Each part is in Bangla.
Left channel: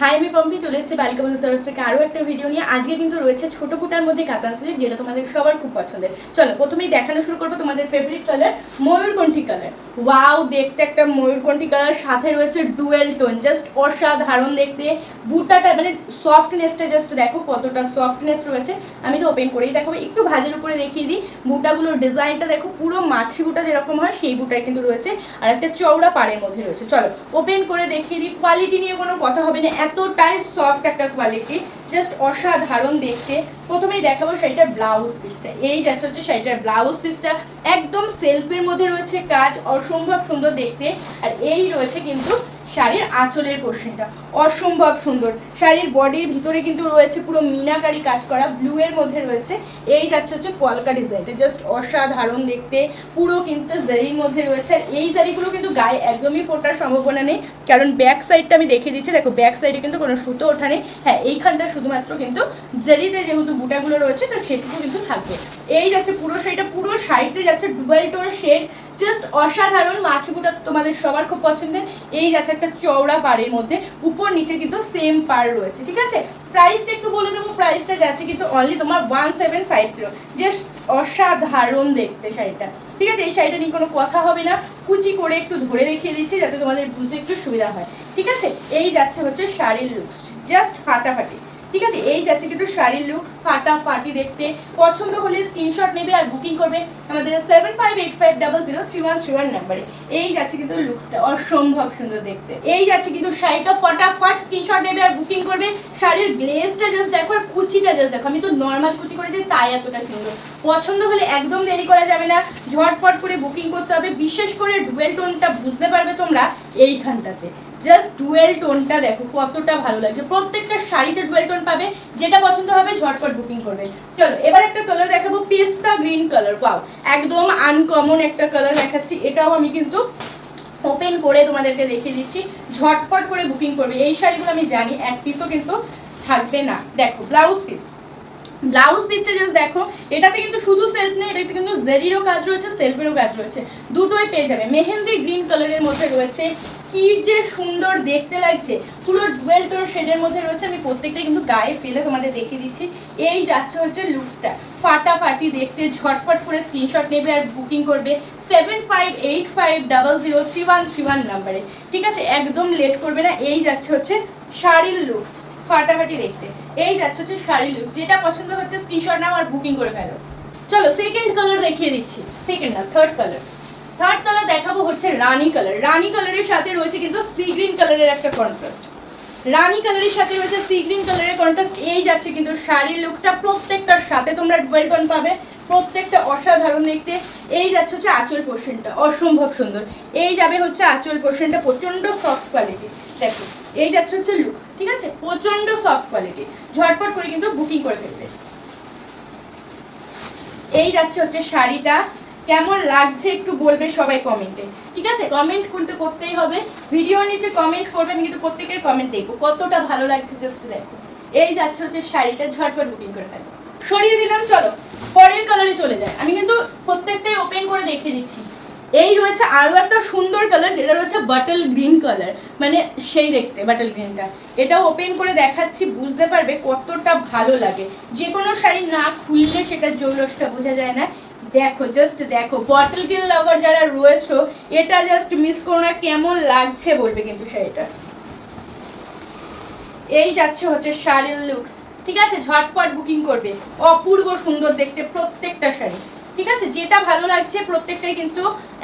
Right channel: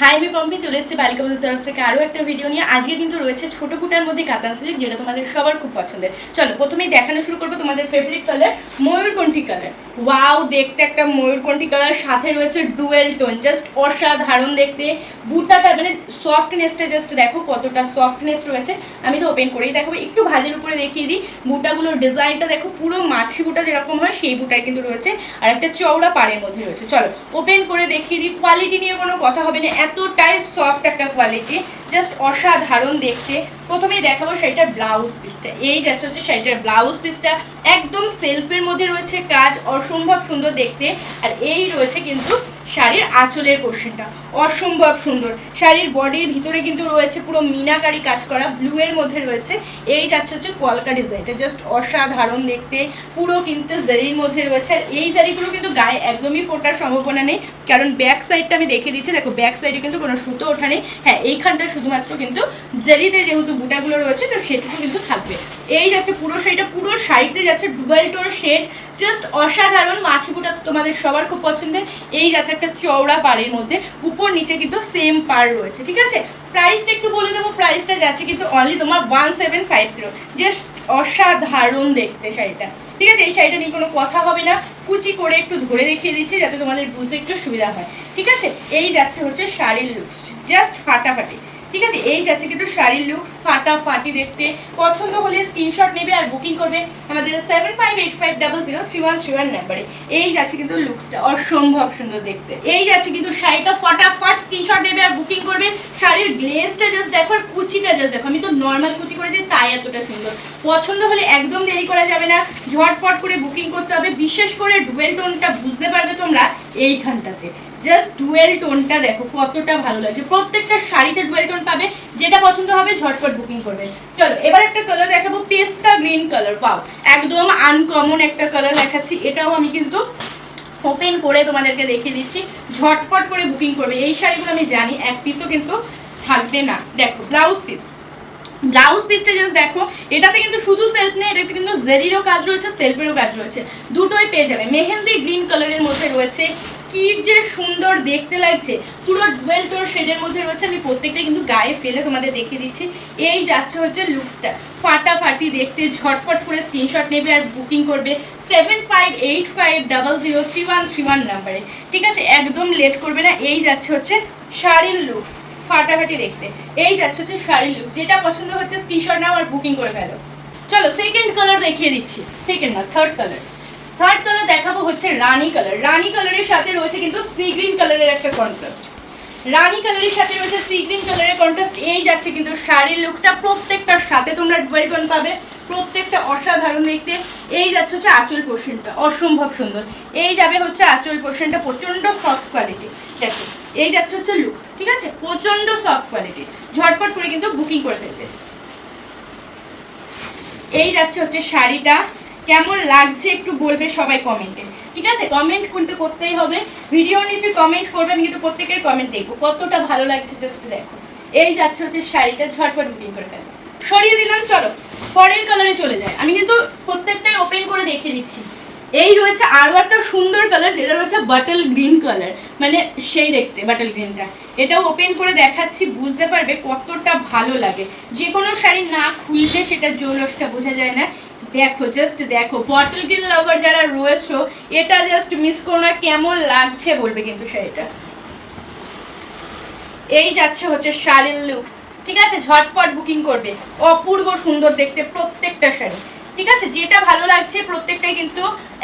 হাই, আমি পম্পি চলে এসেছি বালিকা বন্ধুর তরফ থেকে আরও একটা ভিডিও নিয়ে। আজকে কিন্তু রয়েছে ছোট ফুটার মধ্যে কাতান সিল্ক, যেটা তোমাদের সবার খুব পছন্দের। চলো প্রথমেই দেখানো শুরু করবো তোমাদের ফেভারিট কালার ময়ূরকণ্ঠী কালার। ওয়াও, দেখতে একটা ময়ূরকণ্ঠী কালার, সাথে রয়েছে ডুয়েল টোন, জাস্ট অসাধারণ দেখতে। বুটাটা মানে সফটনেসটা জাস্ট দেখো কতটা সফটনেস রয়েছে। আমি তো ওপেন করেই দেখাবো, একটু ভাজের উপরে দেখিয়ে দিই। বুটাগুলোর ডিজাইনটা দেখো, পুরো মাছি বুটা যেরকম হয় সেই বুটার কিন্তু রয়েছে, আর একটা চওড়া পাড়ের মধ্যে রয়েছে। চলো ওপেন করে দেখিয়ে দিই। কোয়ালিটি নিয়ে কোনো কথা হবে না, এতটাই সফট একটা কোয়ালিটি, জাস্ট অসাধারণ দেখতে। প্রথমেই দেখাবো শাড়িটার ব্লাউজ পিসটা। এই যাচ্ছে হচ্ছে শাড়িটার ব্লাউজ পিসটা, একদম সেলফের মধ্যে রয়েছে কাজ, অসম্ভব সুন্দর দেখতে। আর এই রয়েছে কিন্তু শাড়ির আঁচলের পোর্শনটা, অসম্ভব সুন্দর। শাড়ির বডির ভিতরে কিন্তু রয়েছে পুরো মিনাকারি কাজ করা, ব্লু এর মধ্যে রয়েছে। এই যাচ্ছে হচ্ছে কলকা ডিজাইনটা, জাস্ট অসাধারণ দেখতে, পুরো কিন্তু জারির মধ্যে রয়েছে। আর এই জারিগুলো কিন্তু গায়ে একদমই ফোটার সম্ভাবনা নেই, কারণ ব্যাক সাইডটা আমি দেখিয়ে দিচ্ছি। দেখো ব্যাক সাইডে কিন্তু কোনো সুতো ওঠা নেই। হ্যাঁ, এইখানটা শুধুমাত্র কিন্তু জারিতে যেহেতু বুটাগুলো রয়েছে, তো সেটুকু কিন্তু থাকবে। এই যাচ্ছে পুরো শাড়িটা, পুরো শাড়িতে যাচ্ছে ডুয়েল টোন শেড, জাস্ট অসাধারণ। মাছি বুটা তোমাদের সবার খুব পছন্দের। এই যাচ্ছে একটা চওড়া পাড়ের মধ্যে, উপর নিচে কিন্তু সেম পাড় রয়েছে। ঠিক আছে, প্রাইসটা একটু বলে দেবো। প্রাইসটা যাচ্ছে কিন্তু অনলি তোমার 1750। জাস্ট অসাধারণ দেখতে শাড়িটা। ঠিক আছে, এই শাড়িটা নিয়ে কোনো কথা হবে না, কুচি করে একটু ধরে দেখিয়ে দিচ্ছি যাতে তোমাদের বুঝতে একটু সুবিধা হয়। ঠিক আছে, এই যাচ্ছে হচ্ছে শাড়ির লুকস, জাস্ট ফাটাফাটি। ঠিক আছে, এই যাচ্ছে কিন্তু শাড়ির লুকস ফাটাফাটি দেখতে। পছন্দ হলে স্ক্রিনশট নেবে আর বুকিং করবে আমাদের 7585003131 নাম্বারে। এই যাচ্ছে কিন্তু লুকসটা, অসম্ভব সুন্দর দেখতে। এই যাচ্ছে কিন্তু শাড়িটা ফাটাফাট, স্ক্রিনশট নেবে আর বুকিং করবে। শাড়ির গ্লেজটা জাস্ট দেখো, আর কুচিটা জাস্ট দেখো। আমি তো নর্মাল কুচি করেছি, তাই এতটা সুন্দর। পছন্দ হলে একদম দেরি করা যাবে না, ঝটপট করে বুকিং করতে হবে। বিশেষ করে ডুয়েল টোনটা বুঝতে পারবে তোমরা এইখানটাতে, জাস্ট ডুয়েল টোনটা দেখো কতটা ভালো লাগছে। প্রত্যেকটা শাড়িতে ডুয়েল টোন পাবে, যেটা পছন্দ হবে ঝটপট বুকিং করবে। চলো এবার একটা কালার দেখাবো, পেস্তা গ্রিন কালার। পাও, একদম আনকমন একটা কালার দেখাচ্ছি। এটাও আমি কিন্তু ওপেন করে তোমাদেরকে দেখিয়ে দিচ্ছি, ঝটপট করে বুকিং করবে। এই শাড়িগুলো আমি জানি এক পিসও কিন্তু থাকবে না। দেখো ব্লাউজ পিস, ব্লাউজ পিসটা জাস্ট দেখো। এটাতে কিন্তু শুধু সেলফ নেই, এটাতে কিন্তু জেরিরও কাজ রয়েছে, সেলফেরও কাজ রয়েছে, দুটোই পেয়ে যাবে। মেহেন্দি গ্রিন কালারের মধ্যে রয়েছে, কি যে সুন্দর দেখতে লাগছে। পুরো ডুয়েল টোন শেডের মধ্যে রয়েছে। আমি প্রত্যেকটা কিন্তু গায়ে ফেলে তোমাদের দেখিয়ে দিচ্ছি। এই যাচ্ছে হচ্ছে লুকসটা, ফাটাফাটি দেখতে। ঝটপট করে স্ক্রিনশট নেবে আর বুকিং করবে 7585003131 নাম্বারে। ঠিক আছে, একদম লেট করবে না। এই যাচ্ছে হচ্ছে শাড়ির লুকস, ফাটাফাটি দেখতে। এই যাচ্ছে হচ্ছে শাড়ির লুকস, যেটা পছন্দ হচ্ছে স্ক্রিনশট নাও আর বুকিং করে ফেলো। চলো সেকেন্ড কালার দেখিয়ে দিচ্ছি, সেকেন্ড না থার্ড কালার। থার্ড কালার দেখাবো হচ্ছে রানী কালার। রানী কালারের সাথে রয়েছে কিন্তু সি গ্রিন কালারের একটা কন্ট্রাস্ট। রানী কালারের সাথে রয়েছে সি গ্রিন কালারের কন্ট্রাস্ট। এই যাচ্ছে কিন্তু শাড়ির লুকসটা, প্রত্যেকটার সাথে তোমরা ডুয়েল টোন পাবে, প্রত্যেকটা অসাধারণ দেখতে। এই যাচ্ছে হচ্ছে আঁচল পোর্শনটা, অসম্ভব সুন্দর। এই যাবে হচ্ছে আঁচল পোর্শনটা, প্রচন্ড সফট কোয়ালিটি। দেখো এই যাচ্ছে হচ্ছে লুকস। ঠিক আছে, প্রচন্ড সফট কোয়ালিটি, ঝটপট করে কিন্তু বুকিং করে ফেলবে। এই যাচ্ছে হচ্ছে শাড়িটা, কেমন লাগছে একটু বলবে সবাই কমেন্টে। ঠিক আছে, কমেন্ট কিন্তু করতেই হবে, ভিডিওর নিচে কমেন্ট করবে। আমি কিন্তু প্রত্যেকের কমেন্ট দেখবো কতটা ভালো লাগছে, জাস্ট দেখো। এই যাচ্ছে হচ্ছে শাড়িটা, ঝটপট বুকিং করে ফেলবে। সরিয়ে দিলাম, চলো পরের কালারে চলে যায়। আমি কিন্তু প্রত্যেকটাই ওপেন করে দেখিয়ে দিচ্ছি। এই রয়েছে আরও একটা সুন্দর কালার, যেটা রয়েছে বাটল গ্রিন কালার, মানে সেই দেখতে বাটল গ্রিনটা। এটাও ওপেন করে দেখাচ্ছি, বুঝতে পারবে কতটা ভালো লাগে। যে কোনো শাড়ি না খুললে সেটার জৌলসটা বোঝা যায় না। দেখো জাস্ট দেখো, বটল গ্রিন লাভার যারা রয়েছে, এটা জাস্ট মিস করো না, কেমন লাগছে বলবে কিন্তু শাড়িটা। এই যাচ্ছে হচ্ছে শাড়ির লুকস। ঠিক আছে, ঝটপট বুকিং করবে, অপূর্ব সুন্দর দেখতে প্রত্যেকটা শাড়ি। ঠিক আছে, যেটা ভালো লাগছে প্রত্যেকটাই কিন্তু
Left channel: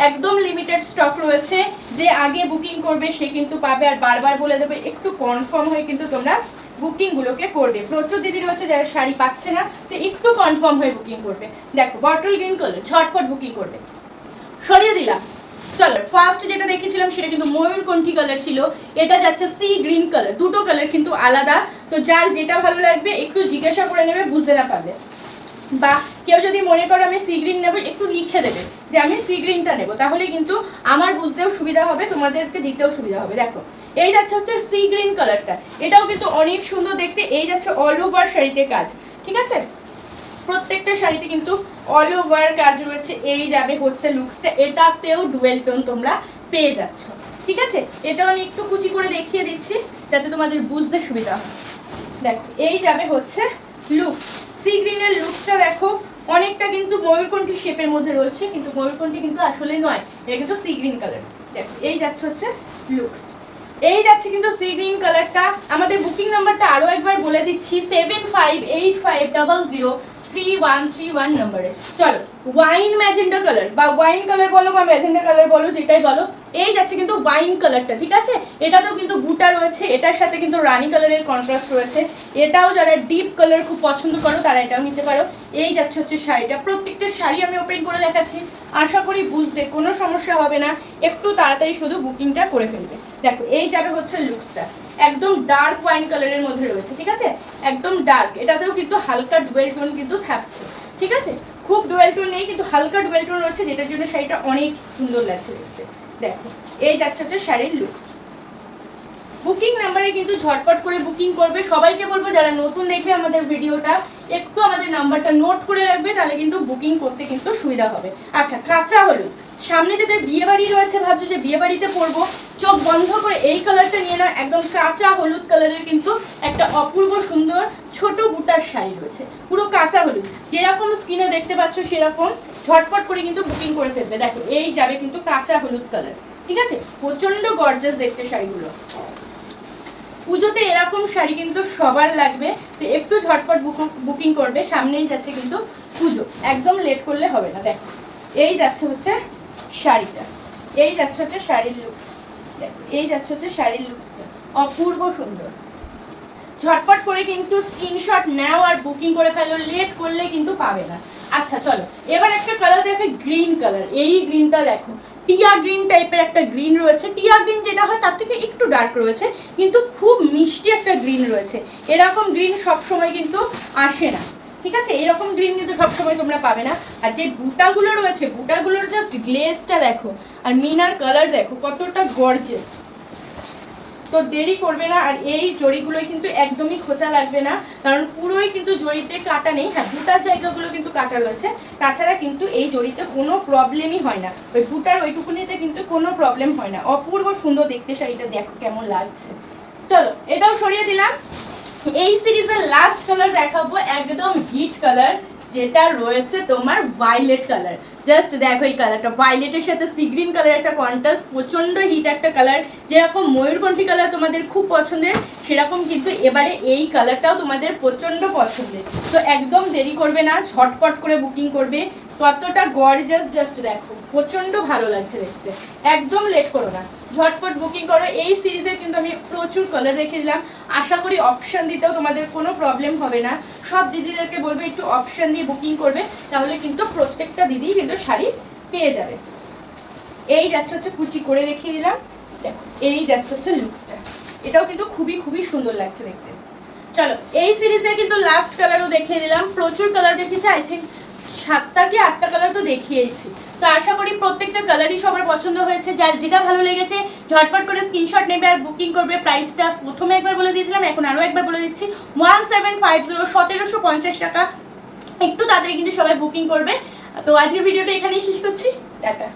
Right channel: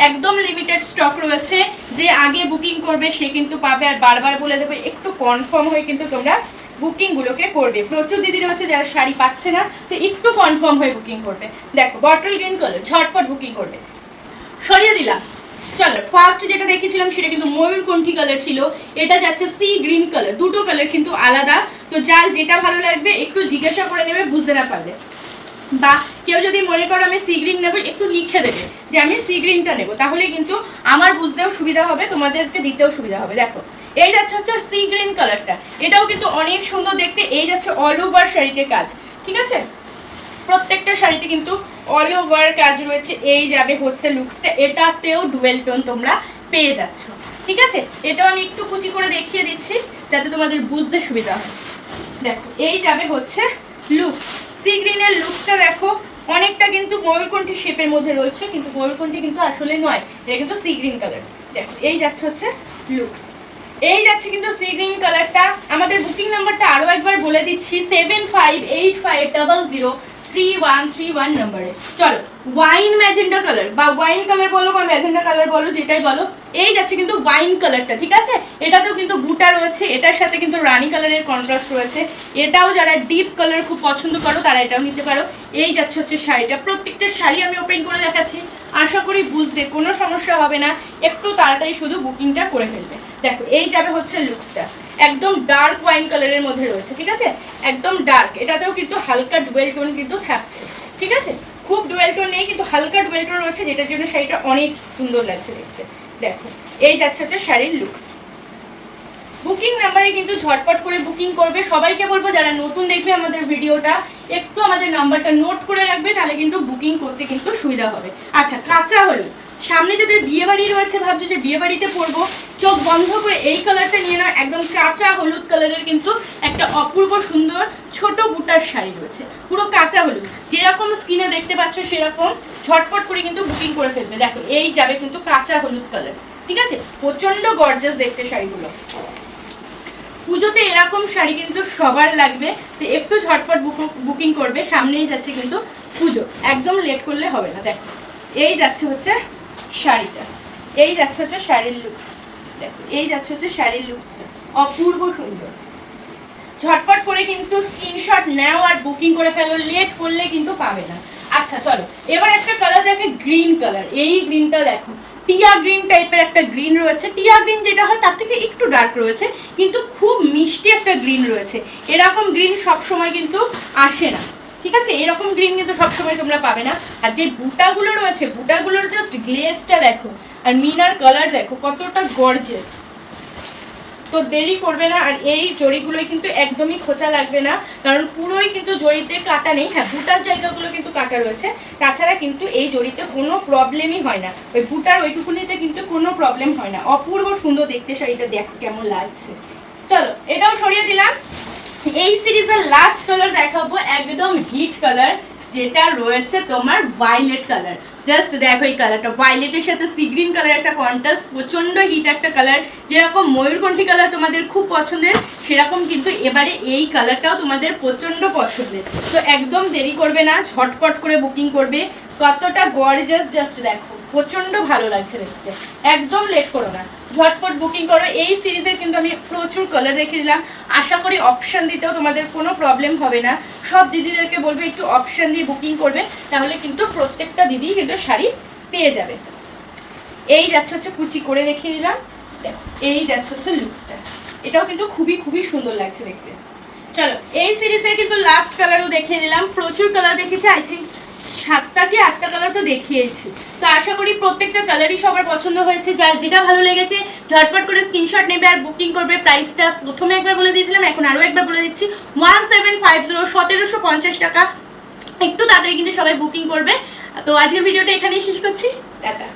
একদম লিমিটেড স্টক রয়েছে। যে আগে বুকিং করবে সে কিন্তু পাবে। আর বারবার বলে দেবো, একটু কনফার্ম হয়ে কিন্তু তোমরা বুকিংগুলোকে করবে। প্রচুর দিদি রয়েছে যারা শাড়ি পাচ্ছে না, তো একটু কনফার্ম হয়ে বুকিং করবে। দেখো বটল গ্রিন কালার, ঝটপট বুকিং করবে। সরিয়ে দিলাম। চলো ফার্স্ট যেটা দেখেছিলাম সেটা কিন্তু ময়ূরকণ্ঠী কালার ছিল, এটা যাচ্ছে সি গ্রিন কালার। দুটো কালার কিন্তু আলাদা, তো যার যেটা ভালো লাগবে একটু জিজ্ঞাসা করে নেবে, বুঝতে না পারলে। বা কেউ যদি মনে করো আমি সি গ্রিন নেবো, একটু লিখে দেবে যে আমি সি গ্রিনটা নেবো, তাহলে কিন্তু আমার বুঝতেও সুবিধা হবে, তোমাদেরকে দিতেও সুবিধা হবে। দেখো এই যাচ্ছে হচ্ছে সি গ্রিন কালারটা, এটাও কিন্তু অনেক সুন্দর দেখতে। এই যাচ্ছে অল ওভার শাড়িতে কাজ। ঠিক আছে, প্রত্যেকটা শাড়িতে কিন্তু অল ওভার কাজ রয়েছে। এই যাবে হচ্ছে লুকসটা, এটাতেও ডুয়েল টোন তোমরা পেয়ে যাচ্ছ। ঠিক আছে, এটাও আমি একটু কুচি করে দেখিয়ে দিচ্ছি যাতে তোমাদের বুঝতে সুবিধা হয়। দেখো এই যাবে হচ্ছে লুকস, সি গ্রিনের লুকসটা দেখো অনেকটা কিন্তু ময়ূরকণ্ঠী শেপের মধ্যে রয়েছে, কিন্তু ময়ূরকণ্ঠী কিন্তু আসলে নয়, এটা কিন্তু সি গ্রিন কালার। দেখো এই যাচ্ছে হচ্ছে লুকস, এই যাচ্ছে কিন্তু সি গ্রিন কালারটা। আমাদের বুকিং নাম্বারটা আরও একবার বলে দিচ্ছি 7585003131 নম্বরে। চলো ওয়াইন ম্যাজেন্ডা কালার বা ওয়াইন কালার বলো বা ম্যাজেন্ডা কালার বলো, যেটাই বলো, এই যাচ্ছে কিন্তু ওয়াইন কালারটা। ঠিক আছে, এটাতেও কিন্তু বুটা রয়েছে, এটার সাথে কিন্তু রানী কালারের কন্ট্রাস্ট রয়েছে। এটাও যারা ডিপ কালার খুব পছন্দ করো তারা এটাও নিতে পারো। এই যাচ্ছে হচ্ছে শাড়িটা, প্রত্যেকটা শাড়ি আমি ওপেন করে দেখাচ্ছি, আশা করি বুঝতে কোনো সমস্যা হবে না, একটু তাড়াতাড়ি শুধু বুকিংটা করে ফেলবে। দেখো এই যাবে হচ্ছে লুকসটা, একদম ডার্ক ওয়াইন কালারের মধ্যে রয়েছে। ঠিক আছে, একদম ডার্ক, এটাতেও কিন্তু হালকা ডুয়েল টোন কিন্তু থাকছে। ঠিক আছে, খুব ডুয়েল টোন নেই কিন্তু হালকা ডুয়েল টোন রয়েছে, যেটার জন্য শাড়িটা অনেক সুন্দর লাগছে দেখতে। দেখো এই যাচ্ছে হচ্ছে শাড়ির লুকস। বুকিং নাম্বারে কিন্তু ঝটপট করে বুকিং করবে। সবাইকে বলবো যারা নতুন দেখবে আমাদের ভিডিওটা একটু আমাদের নাম্বারটা নোট করে রাখবে, তাহলে কিন্তু বুকিং করতে কিন্তু সুবিধা হবে। আচ্ছা, কাঁচা হলুদ, সামনে যাদের বিয়ে বাড়ি রয়েছে, ভাবছো যে বিয়ে বাড়িতে পরবো, চোখ বন্ধ করে এই কালারটা নিয়ে নাও। একদম কাঁচা হলুদ কালারের কিন্তু একটা অপূর্ব সুন্দর ছোট বুটার শাড়ি রয়েছে, পুরো কাঁচা হলুদ, যেরকম স্কিনে দেখতে পাচ্ছ সেরকম। ঝটপট করে কিন্তু বুকিং করে ফেলবে। দেখো এই যাবে কিন্তু কাঁচা হলুদ কালার। ঠিক আছে, প্রচন্ড গর্জাস দেখতে শাড়িগুলো। পুজোতে এরকম শাড়ি কিন্তু সবার লাগবে, তো একটু ঝটপট বুকিং করবে, সামনেই যাচ্ছে কিন্তু পুজো, একদম লেট করলে হবে না। দেখো এই যাচ্ছে হচ্ছে শাড়িটা, এই যাচ্ছে হচ্ছে শাড়ির লুকস। দেখো এই যাচ্ছে হচ্ছে শাড়ির লুকসটা, অপূর্ব সুন্দর। ঝটপট করে কিন্তু স্ক্রিনশট নাও আর বুকিং করে ফেলো, লেট করলে কিন্তু পাবে না। আচ্ছা চলো এবার একটা কালার দেখে, গ্রিন কালার। এই গ্রিনটা দেখো, টিয়া গ্রিন টাইপের একটা গ্রিন রয়েছে। টিয়া গ্রিন যেটা হয় তার থেকে একটু ডার্ক রয়েছে, কিন্তু খুব মিষ্টি একটা গ্রিন রয়েছে। এরকম গ্রিন সব সময় কিন্তু আসে না। ঠিক আছে, এরকম গ্রিন কিন্তু সবসময় তোমরা পাবে না। আর যে বুটাগুলো রয়েছে, বুটাগুলোর জাস্ট গ্লেজটা দেখো, আর মিনার কালার দেখো কতটা গর্জিয়াস। তো দেরি করবে না, আর এই জড়িগুলোই কিন্তু একদমই খোঁচা লাগবে না, কারণ পুরোই কিন্তু জড়িতে কাটা নেই। হ্যাঁ, বুটার জায়গাগুলো কিন্তু কাটা রয়েছে, তাছাড়া কিন্তু এই জড়িতে কোনো প্রবলেমই হয় না। ওই বুটার ওইটুকুনিতে কিন্তু কোনো প্রবলেম হয় না। অপূর্ব সুন্দর দেখতে শাড়িটা, দেখো কেমন লাগছে। চলো এটাও সরিয়ে দিলাম। এই সিরিজের লাস্ট কালার দেখাবো, একদম হিট কালার, যেটা রয়েছে তোমার ভায়োলেট কালার। জাস্ট দেখো এই কালারটা, ভায়োলেটের সাথে সি গ্রিন কালার একটা কন্ট্রাস্ট, প্রচন্ড হিট একটা কালার। যেরকম ময়ূরকণ্ঠী কালার তোমাদের খুব পছন্দের, সেরকম কিন্তু এবারে এই কালারটাও তোমাদের প্রচন্ড পছন্দের। তো একদম দেরি করবে না, ঝটপট করে বুকিং করবে। কতটা গর্জিয়াস জাস্ট দেখো, প্রচন্ড ভালো লাগছে দেখতে, একদম লেট করো না, ঝটপট বুকিং করো। এই সিরিজের কিন্তু আমি প্রচুর কালার রেখে দিলাম, আশা করি অপশান দিতেও তোমাদের কোনো প্রবলেম হবে না। সব দিদিদেরকে বলবে একটু অপশান দিয়ে বুকিং করবে, তাহলে কিন্তু প্রত্যেকটা দিদি কিন্তু শাড়ি পেয়ে যাবে। এই যাচ্ছে হচ্ছে কুচি করে দেখিয়ে দিলাম, দেখো এই যাচ্ছে হচ্ছে লুকসটা, এটাও কিন্তু খুবই খুবই সুন্দর লাগছে দেখতে। চলো এই সিরিজে কিন্তু লাস্ট কালারও দেখিয়ে দিলাম, প্রচুর কালার দেখেছি, আই থিঙ্ক 7টা কি 8টা কালার তো দেখিয়েছি। তো আশা করি প্রত্যেকটা কালারই সবার পছন্দ হয়েছে। যার যেটা ভালো লেগেছে ঝটপট করে স্ক্রিনশট নেবে আর বুকিং করবে। প্রাইসটা প্রথমে একবার বলে দিয়েছিলাম, এখন আরও একবার বলে দিচ্ছি, 1750, 1750 টাকা। একটু তাড়াতাড়ি কিন্তু সবাই বুকিং করবে। তো আজকের ভিডিওটা এখানেই শেষ করছি, টাটা।